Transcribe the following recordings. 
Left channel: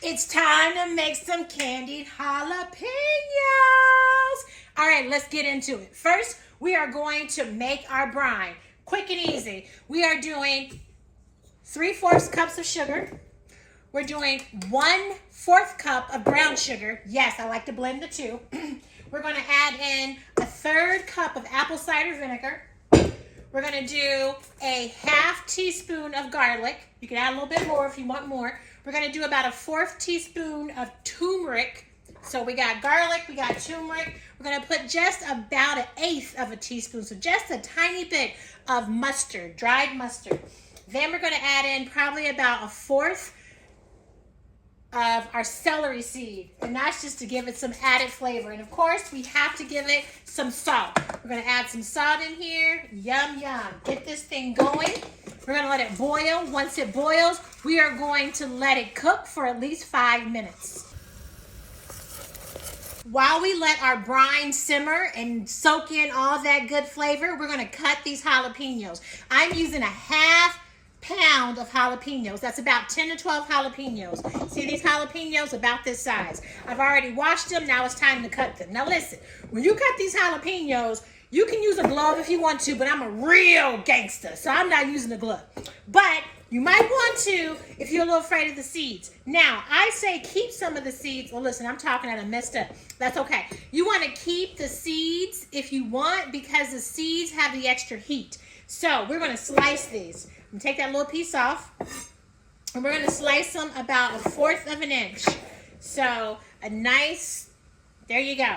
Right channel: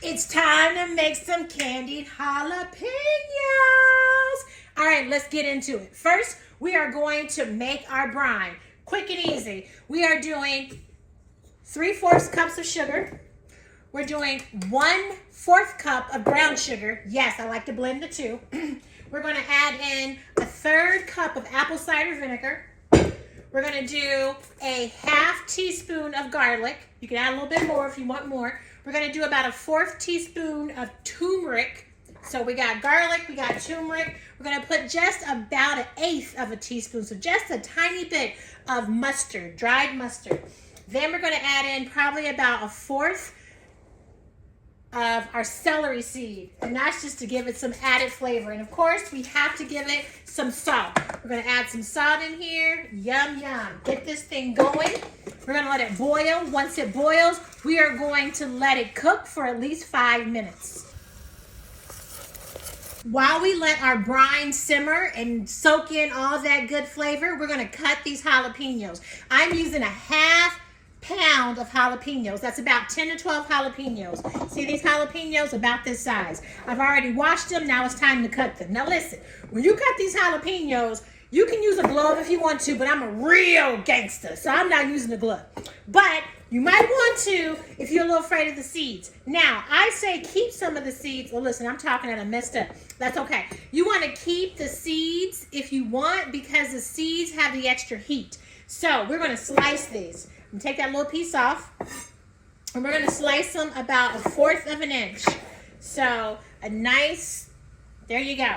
It's time to make some candied jalapeños. All right, let's get into it. First, we are going to make our brine. Quick and easy. We are doing 3/4 cups of sugar. We're doing 1/4 cup of brown sugar. Yes, I like to blend the two. We're going to add in 1/3 cup of apple cider vinegar. We're going to do a 1/2 teaspoon of garlic. You can add a little bit more if you want more. We're going to do about 1/4 teaspoon of turmeric. So we got garlic, we got turmeric. We're going to put just about 1/8 of a teaspoon, so just a tiny bit of mustard, dried mustard. Then we're going to add in probably about 1/4 of our celery seed, and that's just to give it some added flavor. And of course, we have to give it some salt. We're going to add some salt in here. Yum, yum. Get this thing going. We're going to let it boil. Once it boils, we are going to let it cook for at least 5 minutes. While we let our brine simmer and soak in all that good flavor, we're going to cut these jalapenos. I'm using 1/2 pound of jalapenos. That's about 10 to 12 jalapenos. See these jalapenos? About this size. I've already washed them. Now it's time to cut them. Now listen, when you cut these jalapenos, you can use a glove if you want to, but I'm a real gangster, so I'm not using a glove. But you might want to if you're a little afraid of the seeds. Now, I say keep some of the seeds. Well, listen, I'm talking and I messed up. That's okay. You want to keep the seeds if you want, because the seeds have the extra heat. So we're going to slice these. I'm going to take that little piece off, and we're going to slice them about 1/4 of an inch. So a nice, there you go.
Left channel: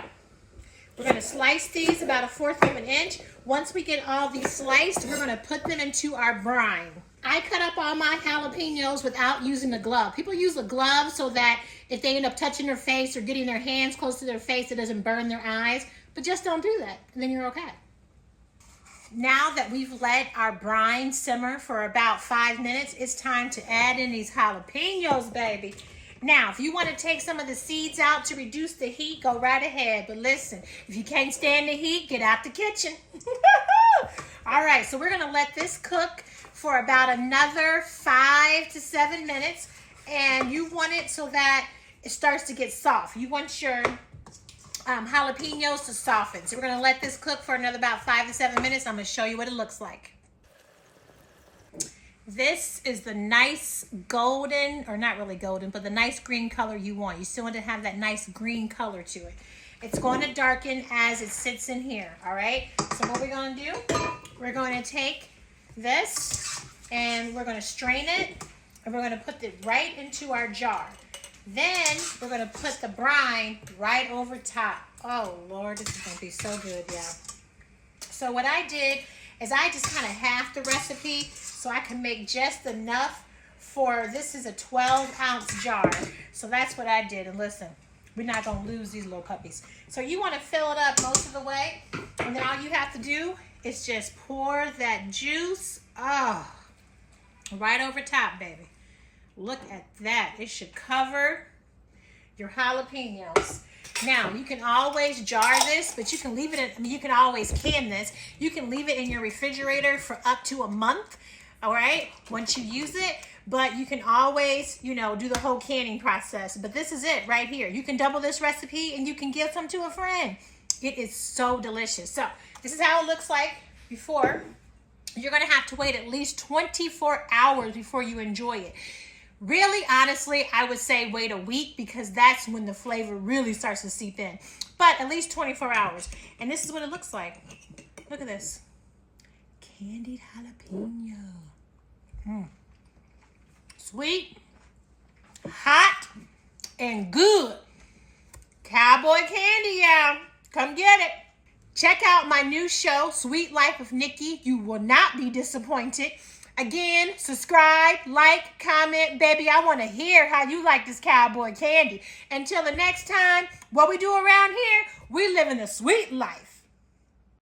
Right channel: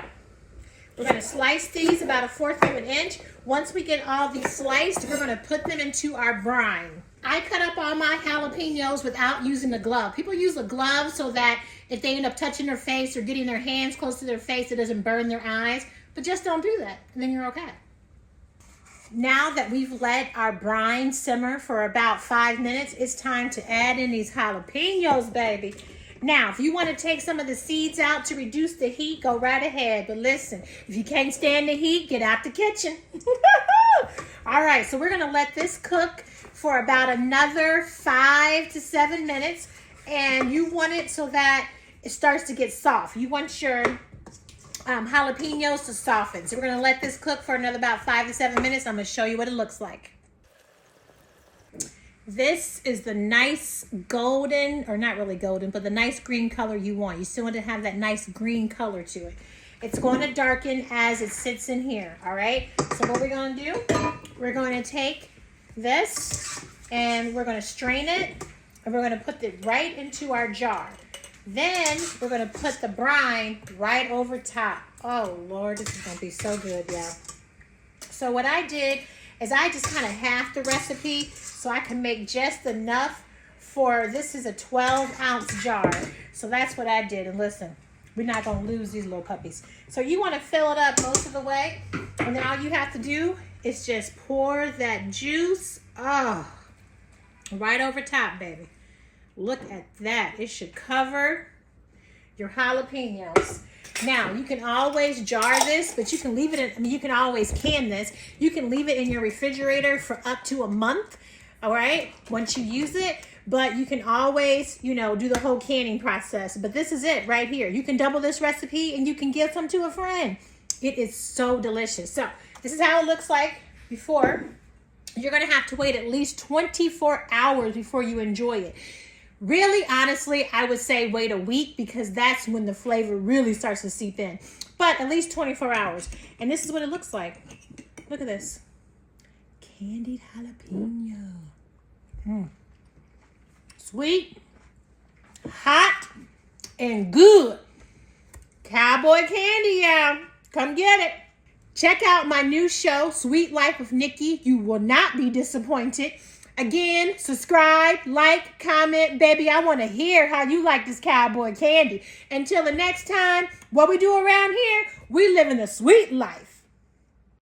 We're going to slice these about 1/4 of an inch. Once we get all these sliced, we're going to put them into our brine. I cut up all my jalapenos without using a glove. People use a glove so that if they end up touching their face or getting their hands close to their face, it doesn't burn their eyes. But just don't do that, and then you're okay. Now that we've let our brine simmer for about 5 minutes, it's time to add in these jalapenos, baby. Now, if you want to take some of the seeds out to reduce the heat, go right ahead. But listen, if you can't stand the heat, get out the kitchen. All right, so we're going to let this cook for about another 5 to 7 minutes. And you want it so that it starts to get soft. You want your jalapenos to soften. So we're going to let this cook for another about 5 to 7 minutes. I'm going to show you what it looks like. This is the nice golden, or not really golden, but the nice green color you want. You still want to have that nice green color to it. It's going to darken as it sits in here, all right? So what we're going to do, we're going to take this and we're going to strain it, and we're going to put it right into our jar. Then we're going to put the brine right over top. Oh, Lord, this is going to be so good, yeah. So what I did is I just kind of halved the recipe so I can make just enough for, this is a 12-ounce jar. So that's what I did. And listen, we're not going to lose these little puppies. So you want to fill it up most of the way. And then all you have to do is just pour that juice, right over top, baby. Look at that. It should cover your jalapenos. Now, you can always jar this, but you can leave it in, I mean, you can always can this. You can leave it in your refrigerator for up to a month, all right, once you use it. But you can always, you know, do the whole canning process. But this is it right here. You can double this recipe and you can give some to a friend. It is so delicious. So this is how it looks like before. You're going to have to wait at least 24 hours before you enjoy it. Really, honestly, I would say wait a week, because that's when the flavor really starts to seep in. But at least 24 hours. And this is what it looks like. Look at this. Candied jalapeno. Sweet, hot, and good. Cowboy Candy, y'all. Come get it. Check out my new show, Sweet Life of Nikki. You will not be disappointed. Again, subscribe, like, comment. Baby, I want to hear how you like this Cowboy Candy. Until the next time, what we do around here, we live in a sweet life.